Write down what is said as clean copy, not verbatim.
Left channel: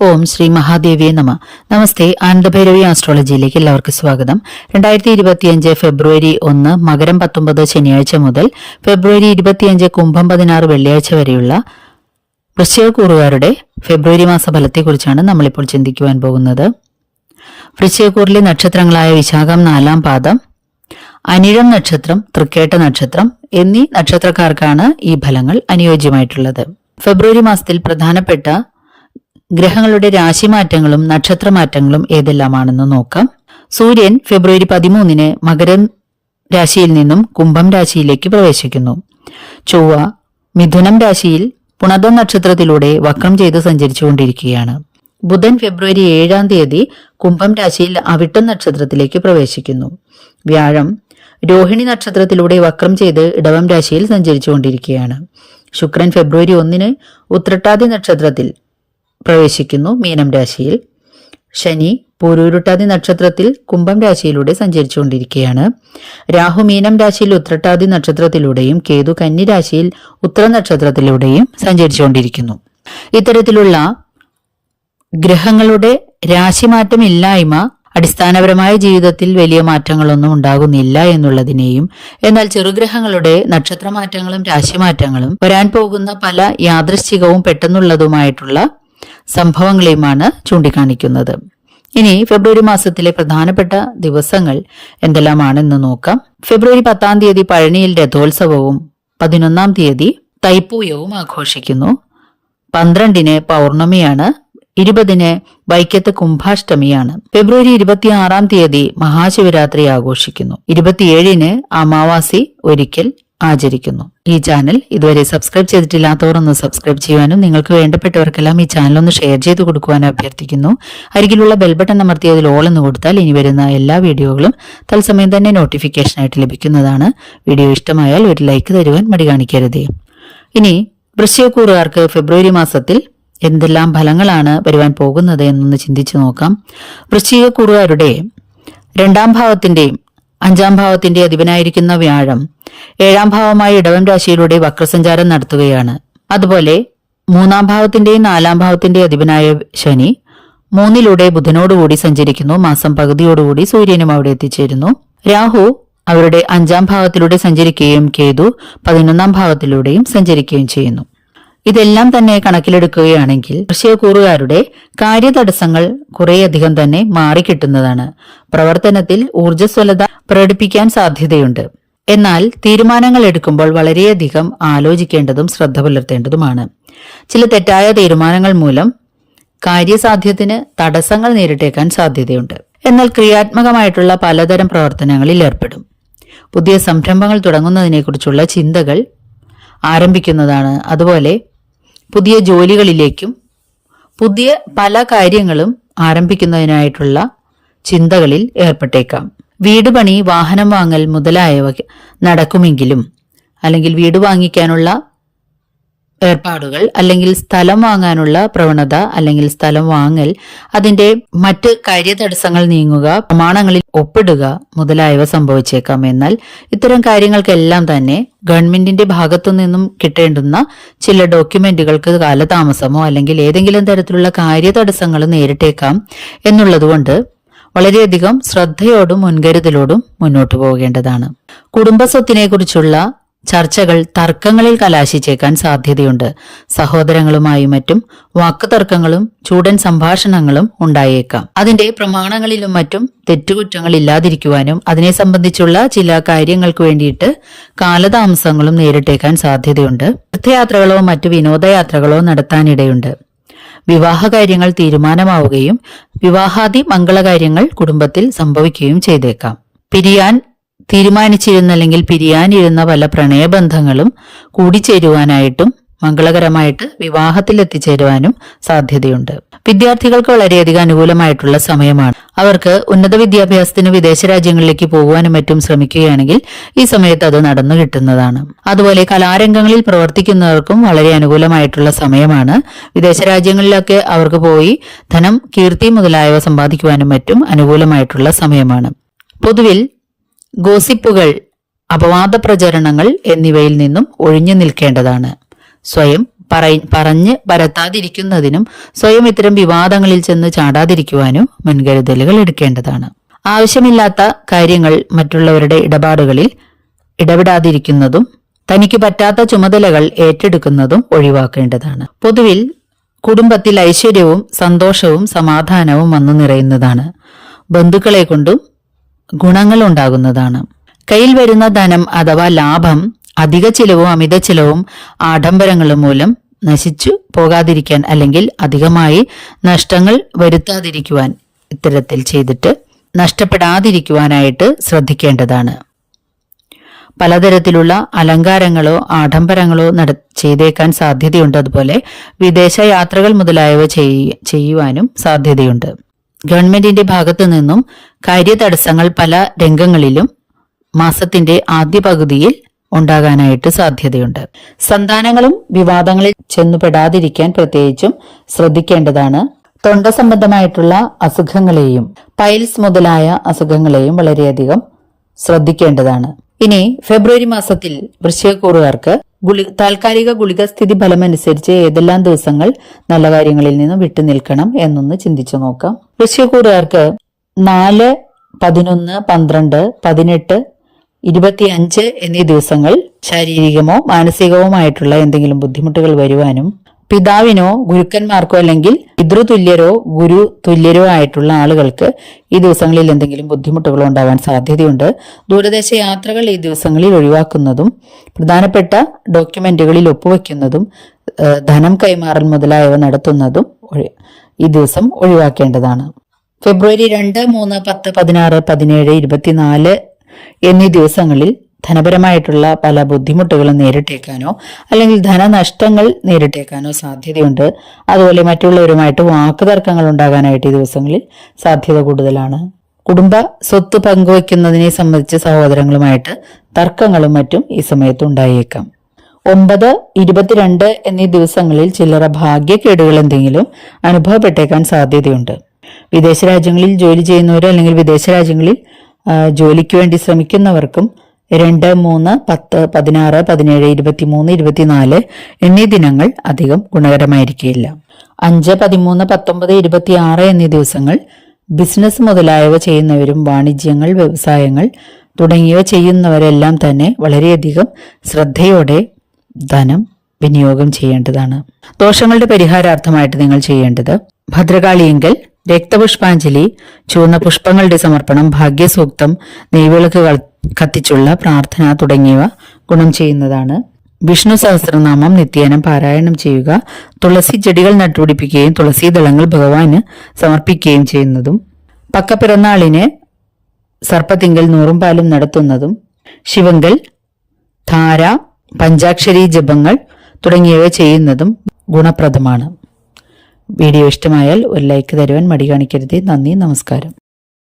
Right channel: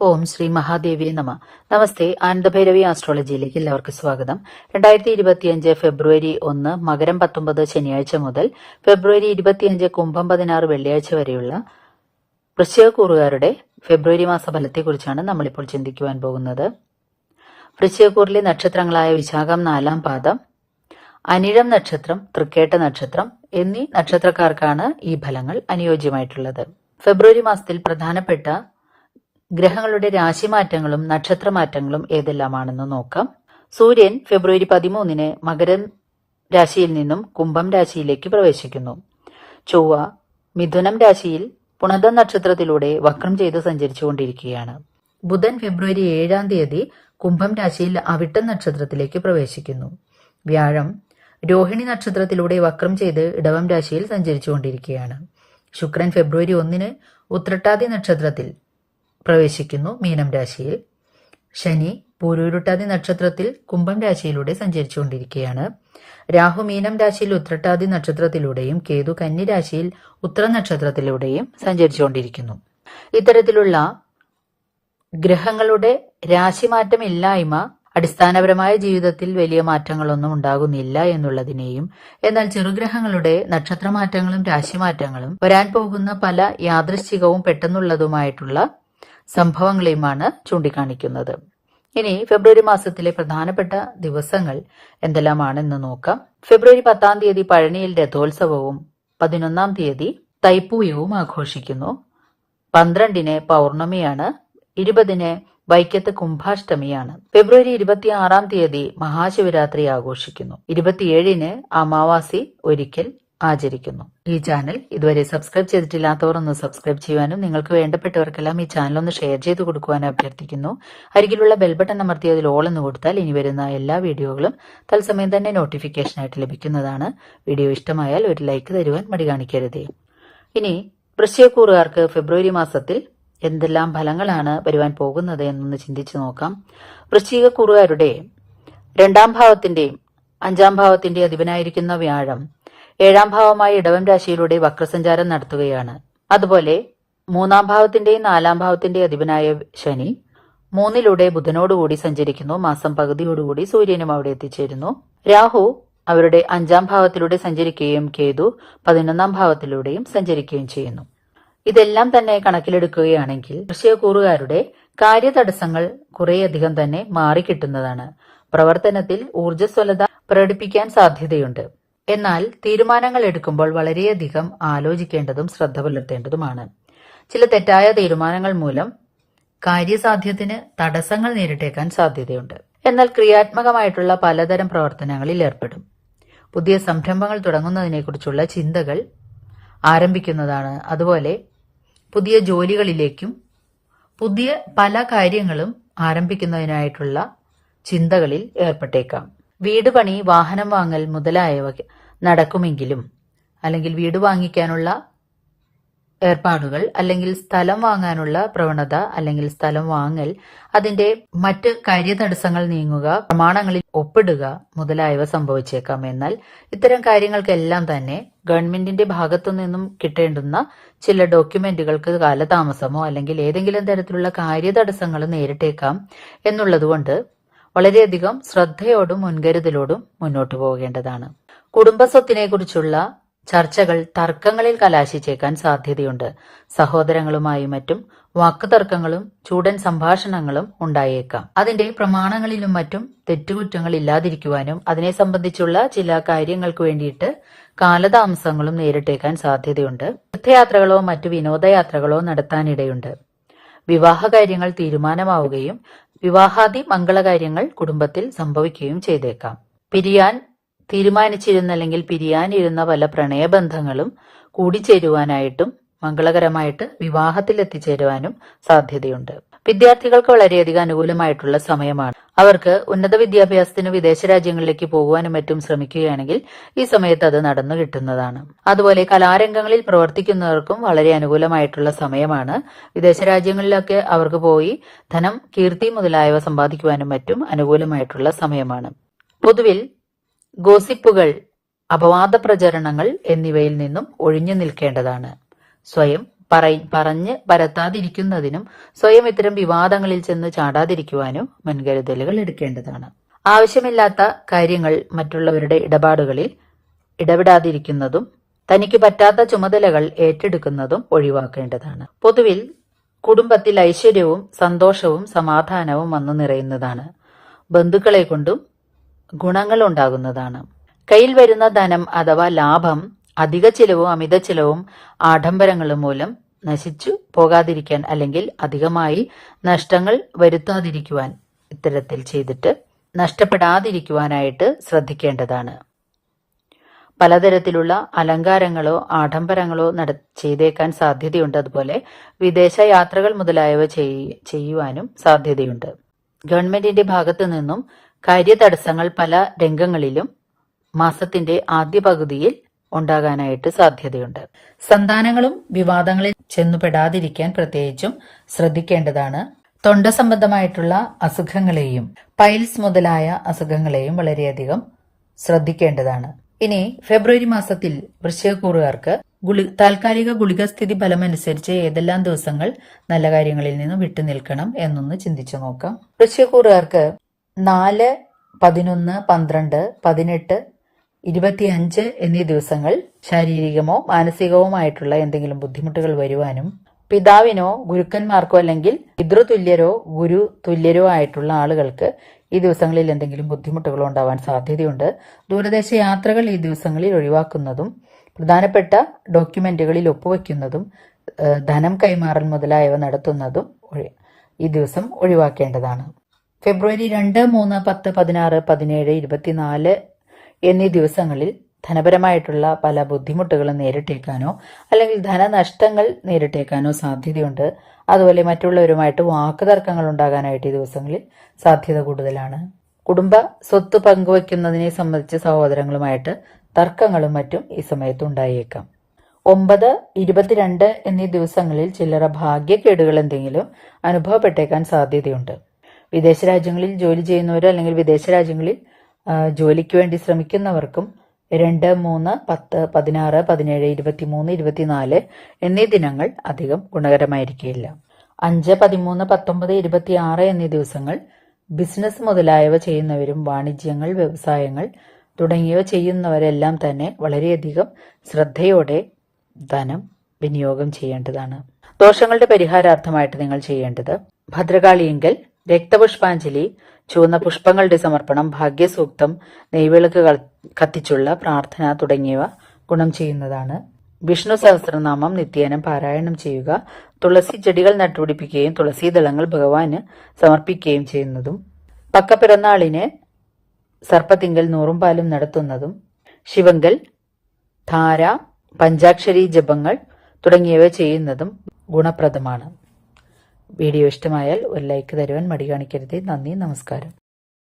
ഓം ശ്രീ മഹാദേവിയെ നമ. നമസ്തേ. ആനന്ദഭൈരവി ആസ്ട്രോളജിയിലേക്ക് എല്ലാവർക്കും സ്വാഗതം. 2025 ഫെബ്രുവരി 1 മകരം 19 ശനിയാഴ്ച മുതൽ ഫെബ്രുവരി 25 കുംഭം 16 വെള്ളിയാഴ്ച വരെയുള്ള വൃശ്ചികക്കൂറുകാരുടെ ഫെബ്രുവരി മാസ ഫലത്തെക്കുറിച്ചാണ് നമ്മളിപ്പോൾ ചിന്തിക്കുവാൻ പോകുന്നത്. വൃശ്ചികക്കൂറിലെ നക്ഷത്രങ്ങളായ വിശാഖം 4-ാം പാദം, അനിഴം നക്ഷത്രം, തൃക്കേട്ട നക്ഷത്രം എന്നീ നക്ഷത്രക്കാർക്കാണ് ഈ ഫലങ്ങൾ അനുയോജ്യമായിട്ടുള്ളത്. ഫെബ്രുവരി മാസത്തിൽ പ്രധാനപ്പെട്ട ഗ്രഹങ്ങളുടെ രാശിമാറ്റങ്ങളും നക്ഷത്രമാറ്റങ്ങളും ഏതെല്ലാമാണെന്ന് നോക്കാം. സൂര്യൻ ഫെബ്രുവരി 13 മകരം രാശിയിൽ നിന്നും കുംഭം രാശിയിലേക്ക് പ്രവേശിക്കുന്നു. ചൊവ്വ മിഥുനം രാശിയിൽ പുണർദം നക്ഷത്രത്തിലൂടെ വക്രം ചെയ്ത് സഞ്ചരിച്ചുകൊണ്ടിരിക്കുകയാണ്. ബുധൻ ഫെബ്രുവരി 7 കുംഭം രാശിയിൽ അവിട്ടം നക്ഷത്രത്തിലേക്ക് പ്രവേശിക്കുന്നു. വ്യാഴം രോഹിണി നക്ഷത്രത്തിലൂടെ വക്രം ചെയ്ത് ഇടവം രാശിയിൽ സഞ്ചരിച്ചുകൊണ്ടിരിക്കുകയാണ്. ശുക്രൻ ഫെബ്രുവരി 1 ഉത്രട്ടാതി നക്ഷത്രത്തിൽ പ്രവേശിക്കുന്നു മീനം രാശിയിൽ. ശനി പൂരുരുട്ടാതി നക്ഷത്രത്തിൽ കുംഭം രാശിയിലൂടെ സഞ്ചരിച്ചുകൊണ്ടിരിക്കുകയാണ്. രാഹു മീനം രാശിയിൽ ഉത്രട്ടാതി നക്ഷത്രത്തിലൂടെയും കേതു കന്നി രാശിയിൽ ഉത്തര നക്ഷത്രത്തിലൂടെയും സഞ്ചരിച്ചുകൊണ്ടിരിക്കുന്നു. ഇത്തരത്തിലുള്ള ഗ്രഹങ്ങളുടെ രാശിമാറ്റം ഇല്ലായ്മ അടിസ്ഥാനപരമായ ജീവിതത്തിൽ വലിയ മാറ്റങ്ങളൊന്നും ഉണ്ടാകുന്നില്ല എന്നുള്ളതിനെയും, എന്നാൽ ചെറുഗ്രഹങ്ങളുടെ നക്ഷത്രമാറ്റങ്ങളും രാശിമാറ്റങ്ങളും വരാൻ പോകുന്ന പല യാദൃശ്ചികവും പെട്ടെന്നുള്ളതുമായിട്ടുള്ള സംഭവങ്ങളെയുമാണ് ചൂണ്ടിക്കാണിക്കുന്നത്. ഇനി ഫെബ്രുവരി മാസത്തിലെ പ്രധാനപ്പെട്ട ദിവസങ്ങൾ എന്തെല്ലാമാണെന്ന് നോക്കാം. ഫെബ്രുവരി 10 പഴനിയിൽ രഥോത്സവവും 11 തൈപ്പൂയവും ആഘോഷിക്കുന്നു. 12 പൗർണമിയാണ്. 20 വൈക്കത്ത് കുംഭാഷ്ടമിയാണ്. ഫെബ്രുവരി 26 മഹാശിവരാത്രി ആഘോഷിക്കുന്നു. 27 അമാവാസി ഒരിക്കൽ ആചരിക്കുന്നു. ഈ ചാനൽ ഇതുവരെ സബ്സ്ക്രൈബ് ചെയ്തിട്ടില്ലാത്തവർ ഒന്ന് സബ്സ്ക്രൈബ് ചെയ്യുവാനും നിങ്ങൾക്ക് വേണ്ടപ്പെട്ടവർക്കെല്ലാം ഈ ചാനൽ ഒന്ന് ഷെയർ ചെയ്ത് കൊടുക്കുവാനും അഭ്യർത്ഥിക്കുന്നു. അരികിലുള്ള ബെൽ ബട്ടൺ അമർത്തിയതിൽ ഓൾ എന്ന് കൊടുത്താൽ ഇനി വരുന്ന എല്ലാ വീഡിയോകളും തത്സമയം തന്നെ നോട്ടിഫിക്കേഷനായിട്ട് ലഭിക്കുന്നതാണ്. വീഡിയോ ഇഷ്ടമായാൽ ഒരു ലൈക്ക് തരുവാൻ മടി കാണിക്കരുതേ. ഇനി വൃശ്ചികക്കൂറുകാർക്ക് ഫെബ്രുവരി മാസത്തിൽ എന്തെല്ലാം ഫലങ്ങളാണ് വരുവാൻ പോകുന്നത് എന്നൊന്ന് ചിന്തിച്ചു നോക്കാം. വൃശ്ചികക്കൂറുകാരുടെ 2-ാം ഭാവത്തിന്റെയും 5-ാം ഭാവത്തിന്റെ അധിപനായിരിക്കുന്ന വ്യാഴം 7-ാം ഭാവമായ ഇടവം രാശിയിലൂടെ വക്രസഞ്ചാരം നടത്തുകയാണ്. അതുപോലെ 3-ാം ഭാവത്തിന്റെയും 4-ാം ഭാവത്തിന്റെ അധിപനായ ശനി 3-ലൂടെ ബുധനോടുകൂടി സഞ്ചരിക്കുന്നു. മാസം പകുതിയോടുകൂടി സൂര്യനും അവിടെ എത്തിച്ചേരുന്നു. രാഹു അവരുടെ 5-ാം ഭാവത്തിലൂടെ സഞ്ചരിക്കുകയും കേതു 11-ാം ഭാവത്തിലൂടെയും സഞ്ചരിക്കുകയും ചെയ്യുന്നു. ഇതെല്ലാം തന്നെ കണക്കിലെടുക്കുകയാണെങ്കിൽ വൃശ്ചികക്കൂറുകാരുടെ കാര്യതടസ്സങ്ങൾ കുറേയധികം തന്നെ മാറിക്കിട്ടുന്നതാണ്. പ്രവർത്തനത്തിൽ ഊർജ്ജസ്വലത പ്രകടിപ്പിക്കാൻ സാധ്യതയുണ്ട്. എന്നാൽ തീരുമാനങ്ങൾ എടുക്കുമ്പോൾ വളരെയധികം ആലോചിക്കേണ്ടതും ശ്രദ്ധ പുലർത്തേണ്ടതുമാണ്. ചില തെറ്റായ തീരുമാനങ്ങൾ മൂലം കാര്യസാധ്യത്തിന് തടസ്സങ്ങൾ നേരിട്ടേക്കാൻ സാധ്യതയുണ്ട്. എന്നാൽ ക്രിയാത്മകമായിട്ടുള്ള പലതരം പ്രവർത്തനങ്ങളിൽ ഏർപ്പെടും. പുതിയ സംരംഭങ്ങൾ തുടങ്ങുന്നതിനെക്കുറിച്ചുള്ള ചിന്തകൾ ആരംഭിക്കുന്നതാണ്. അതുപോലെ പുതിയ ജോലികളിലേക്കും പുതിയ പല കാര്യങ്ങളും ആരംഭിക്കുന്നതിനായിട്ടുള്ള ചിന്തകളിൽ ഏർപ്പെട്ടേക്കാം. വീട് പണി, വാഹനം വാങ്ങൽ മുതലായവ നടക്കുമെങ്കിലും, അല്ലെങ്കിൽ വീട് വാങ്ങിക്കാനുള്ള ഏർപ്പാടുകൾ, അല്ലെങ്കിൽ സ്ഥലം വാങ്ങാനുള്ള പ്രവണത, അല്ലെങ്കിൽ സ്ഥലം വാങ്ങൽ, അതിന്റെ മറ്റ് കാര്യതടസ്സങ്ങൾ നീങ്ങുക, പ്രമാണങ്ങളിൽ ഒപ്പിടുക മുതലായവ സംഭവിച്ചേക്കാം. എന്നാൽ ഇത്തരം കാര്യങ്ങൾക്കെല്ലാം തന്നെ ഗവൺമെന്റിന്റെ ഭാഗത്തു നിന്നും കിട്ടേണ്ടുന്ന ചില ഡോക്യുമെന്റുകൾക്ക് കാലതാമസമോ അല്ലെങ്കിൽ ഏതെങ്കിലും തരത്തിലുള്ള കാര്യതടസ്സങ്ങൾ നേരിട്ടേക്കാം എന്നുള്ളതുകൊണ്ട് വളരെയധികം ശ്രദ്ധയോടും മുൻകരുതലോടും മുന്നോട്ടു പോകേണ്ടതാണ്. കുടുംബസ്വത്തിനെ കുറിച്ചുള്ള ചർച്ചകൾ തർക്കങ്ങളിൽ കലാശിച്ചേക്കാൻ സാധ്യതയുണ്ട്. സഹോദരങ്ങളുമായും മറ്റും വാക്കുതർക്കങ്ങളും ചൂടൻ സംഭാഷണങ്ങളും ഉണ്ടായേക്കാം. അതിന്റെ പ്രമാണങ്ങളിലും മറ്റും തെറ്റുകുറ്റങ്ങൾ ഇല്ലാതിരിക്കുവാനും അതിനെ സംബന്ധിച്ചുള്ള ചില കാര്യങ്ങൾക്ക് വേണ്ടിയിട്ട് കാലതാമസങ്ങളും നേരിട്ടേക്കാൻ സാധ്യതയുണ്ട്. തീർത്ഥയാത്രകളോ മറ്റു വിനോദയാത്രകളോ നടത്താനിടയുണ്ട്. വിവാഹ കാര്യങ്ങൾ തീരുമാനമാവുകയും വിവാഹാദി മംഗളകാര്യങ്ങൾ കുടുംബത്തിൽ സംഭവിക്കുകയും ചെയ്തേക്കാം. പിരിയാൻ തീരുമാനിച്ചിരുന്ന അല്ലെങ്കിൽ പിരിയാനിരുന്ന പല പ്രണയബന്ധങ്ങളും കൂടിച്ചേരുവാനായിട്ടും മംഗളകരമായിട്ട് വിവാഹത്തിൽ എത്തിച്ചേരുവാനും സാധ്യതയുണ്ട്. വിദ്യാർത്ഥികൾക്ക് വളരെയധികം അനുകൂലമായിട്ടുള്ള സമയമാണ്. അവർക്ക് ഉന്നത വിദ്യാഭ്യാസത്തിന് വിദേശ രാജ്യങ്ങളിലേക്ക് പോകുവാനും മറ്റും ശ്രമിക്കുകയാണെങ്കിൽ ഈ സമയത്ത് അത് നടന്നു കിട്ടുന്നതാണ്. അതുപോലെ കലാരംഗങ്ങളിൽ പ്രവർത്തിക്കുന്നവർക്കും വളരെ അനുകൂലമായിട്ടുള്ള സമയമാണ്. വിദേശ രാജ്യങ്ങളിലൊക്കെ അവർക്ക് പോയി ധനം, കീർത്തി മുതലായവ സമ്പാദിക്കുവാനും മറ്റും അനുകൂലമായിട്ടുള്ള സമയമാണ്. പൊതുവിൽ ഗോസിപ്പുകൾ, അപവാദ പ്രചരണങ്ങൾ എന്നിവയിൽ നിന്നും ഒഴിഞ്ഞു നിൽക്കേണ്ടതാണ്. സ്വയം പറഞ്ഞ് പരത്താതിരിക്കുന്നതിനും സ്വയം ഇത്തരം വിവാദങ്ങളിൽ ചെന്ന് ചാടാതിരിക്കുവാനും മുൻകരുതലുകൾ എടുക്കേണ്ടതാണ്. ആവശ്യമില്ലാത്ത കാര്യങ്ങൾ മറ്റുള്ളവരുടെ ഇടപാടുകളിൽ ഇടപെടാതിരിക്കുന്നതും തനിക്ക് പറ്റാത്ത ചുമതലകൾ ഏറ്റെടുക്കുന്നതും ഒഴിവാക്കേണ്ടതാണ്. പൊതുവിൽ കുടുംബത്തിൽ ഐശ്വര്യവും സന്തോഷവും സമാധാനവും വന്നു നിറയുന്നതാണ്. ബന്ധുക്കളെ കൊണ്ടും ഗുണങ്ങൾ ഉണ്ടാകുന്നതാണ്. കയ്യിൽ വരുന്ന ധനം അഥവാ ലാഭം അധിക ചിലവും അമിത ചിലവും ആഡംബരങ്ങളും മൂലം നശിച്ചു പോകാതിരിക്കാൻ അല്ലെങ്കിൽ അധികമായി നഷ്ടങ്ങൾ വരുത്താതിരിക്കുവാൻ ഇത്തരത്തിൽ ചെയ്തിട്ട് നഷ്ടപ്പെടാതിരിക്കുവാനായിട്ട് ശ്രദ്ധിക്കേണ്ടതാണ്. പലതരത്തിലുള്ള അലങ്കാരങ്ങളോ ആഡംബരങ്ങളോ ചെയ്തേക്കാൻ സാധ്യതയുണ്ട്. അതുപോലെ വിദേശ യാത്രകൾ മുതലായവ ചെയ്യുവാനും സാധ്യതയുണ്ട്. ഗവൺമെന്റിന്റെ ഭാഗത്തു നിന്നും കാര്യതടസ്സങ്ങൾ പല രംഗങ്ങളിലും മാസത്തിന്റെ ആദ്യ പകുതിയിൽ ഉണ്ടാകാനായിട്ട് സാധ്യതയുണ്ട്. സന്താനങ്ങളും വിവാദങ്ങളിൽ ചെന്നുപെടാതിരിക്കാൻ പ്രത്യേകിച്ചും ശ്രദ്ധിക്കേണ്ടതാണ്. തൊണ്ട സംബന്ധമായിട്ടുള്ള അസുഖങ്ങളെയും പൈൽസ് മുതലായ അസുഖങ്ങളെയും വളരെയധികം ശ്രദ്ധിക്കേണ്ടതാണ്. ഇനി ഫെബ്രുവരി മാസത്തിൽ വൃശ്ചികക്കൂറുകാർക്ക് താൽക്കാലിക ഗുളിക സ്ഥിതി ഫലമനുസരിച്ച് ഏതെല്ലാം ദിവസങ്ങൾ നല്ല കാര്യങ്ങളിൽ നിന്നും വിട്ടുനിൽക്കണം എന്നൊന്ന് ചിന്തിച്ചു നോക്കാം. വൃശ്ചികക്കൂറുകാർക്ക് 4, 11, 12, 18, 25 എന്നീ ദിവസങ്ങൾ ശാരീരികമോ മാനസികവുമായിട്ടുള്ള എന്തെങ്കിലും ബുദ്ധിമുട്ടുകൾ വരുവാനും പിതാവിനോ ഗുരുക്കന്മാർക്കോ അല്ലെങ്കിൽ പിതൃതുല്യരോ ഗുരു തുല്യരോ ആയിട്ടുള്ള ആളുകൾക്ക് ഈ ദിവസങ്ങളിൽ എന്തെങ്കിലും ബുദ്ധിമുട്ടുകൾ ഉണ്ടാകാൻ സാധ്യതയുണ്ട്. ദൂരദേശ യാത്രകൾ ഈ ദിവസങ്ങളിൽ ഒഴിവാക്കുന്നതും പ്രധാനപ്പെട്ട ഡോക്യുമെന്റുകളിൽ ഒപ്പുവെക്കുന്നതും ധനം കൈമാറൽ മുതലായവ നടത്തുന്നതും ഈ ദിവസം ഒഴിവാക്കേണ്ടതാണ്. ഫെബ്രുവരി 2, 3, 10, 16, 17, 24 എന്നീ ദിവസങ്ങളിൽ ധനപരമായിട്ടുള്ള പല ബുദ്ധിമുട്ടുകളും നേരിട്ടേക്കാനോ അല്ലെങ്കിൽ ധനനഷ്ടങ്ങൾ നേരിട്ടേക്കാനോ സാധ്യതയുണ്ട്. അതുപോലെ മറ്റുള്ളവരുമായിട്ട് വാക്കുതർക്കങ്ങൾ ഉണ്ടാകാനായിട്ട് ഈ ദിവസങ്ങളിൽ സാധ്യത കൂടുതലാണ്. കുടുംബ സ്വത്ത് പങ്കുവയ്ക്കുന്നതിനെ സംബന്ധിച്ച് സഹോദരങ്ങളുമായിട്ട് തർക്കങ്ങളും മറ്റും ഈ സമയത്ത് ഉണ്ടായേക്കാം. 9, 22 എന്നീ ദിവസങ്ങളിൽ ചില്ലറ ഭാഗ്യക്കേടുകൾ എന്തെങ്കിലും അനുഭവപ്പെട്ടേക്കാൻ സാധ്യതയുണ്ട്. വിദേശ രാജ്യങ്ങളിൽ ജോലി ചെയ്യുന്നവരോ അല്ലെങ്കിൽ വിദേശ രാജ്യങ്ങളിൽ ജോലിക്ക് വേണ്ടി ശ്രമിക്കുന്നവർക്കും 2, 3, 10, 16, 17, 23, 24 എന്നീ ദിനങ്ങൾ അധികം ഗുണകരമായിരിക്കില്ല. 5, 13, 19, 26 എന്നീ ദിവസങ്ങൾ ബിസിനസ് മുതലായവ ചെയ്യുന്നവരും വാണിജ്യങ്ങൾ വ്യവസായങ്ങൾ തുടങ്ങിയവ ചെയ്യുന്നവരെല്ലാം തന്നെ വളരെയധികം ശ്രദ്ധയോടെ ധനം വിനിയോഗം ചെയ്യേണ്ടതാണ്. ദോഷങ്ങളുടെ പരിഹാരാർത്ഥമായിട്ട് നിങ്ങൾ ചെയ്യേണ്ടത് ഭദ്രകാളിയെങ്കിൽ രക്തപുഷ്പാഞ്ജലി, ചുവന്ന പുഷ്പങ്ങളുടെ സമർപ്പണം, ഭാഗ്യസൂക്തം, നെയ്വിളക്കുകൾ കത്തിച്ചുള്ള പ്രാർത്ഥന തുടങ്ങിയവ ഗുണം ചെയ്യുന്നതാണ്. വിഷ്ണു സഹസ്രനാമം നിത്യേനം പാരായണം ചെയ്യുക, തുളസി ചെടികൾ നട്ടുപിടിപ്പിക്കുകയും തുളസി ദളങ്ങൾ ഭഗവാന് സമർപ്പിക്കുകയും ചെയ്യുന്നതും, പക്കപ്പിറന്നാളിന് സർപ്പത്തിങ്കൽ 100 പാലും നടത്തുന്നതും, ശിവങ്കൽ, ധാര, പഞ്ചാക്ഷരി ജപങ്ങൾ തുടങ്ങിയവ ചെയ്യുന്നതും ഗുണപ്രദമാണ്. വീഡിയോ ഇഷ്ടമായാൽ ഒരു ലൈക്ക് തരുവാൻ മടി കാണിക്കരുത്. നന്ദി, നമസ്കാരം.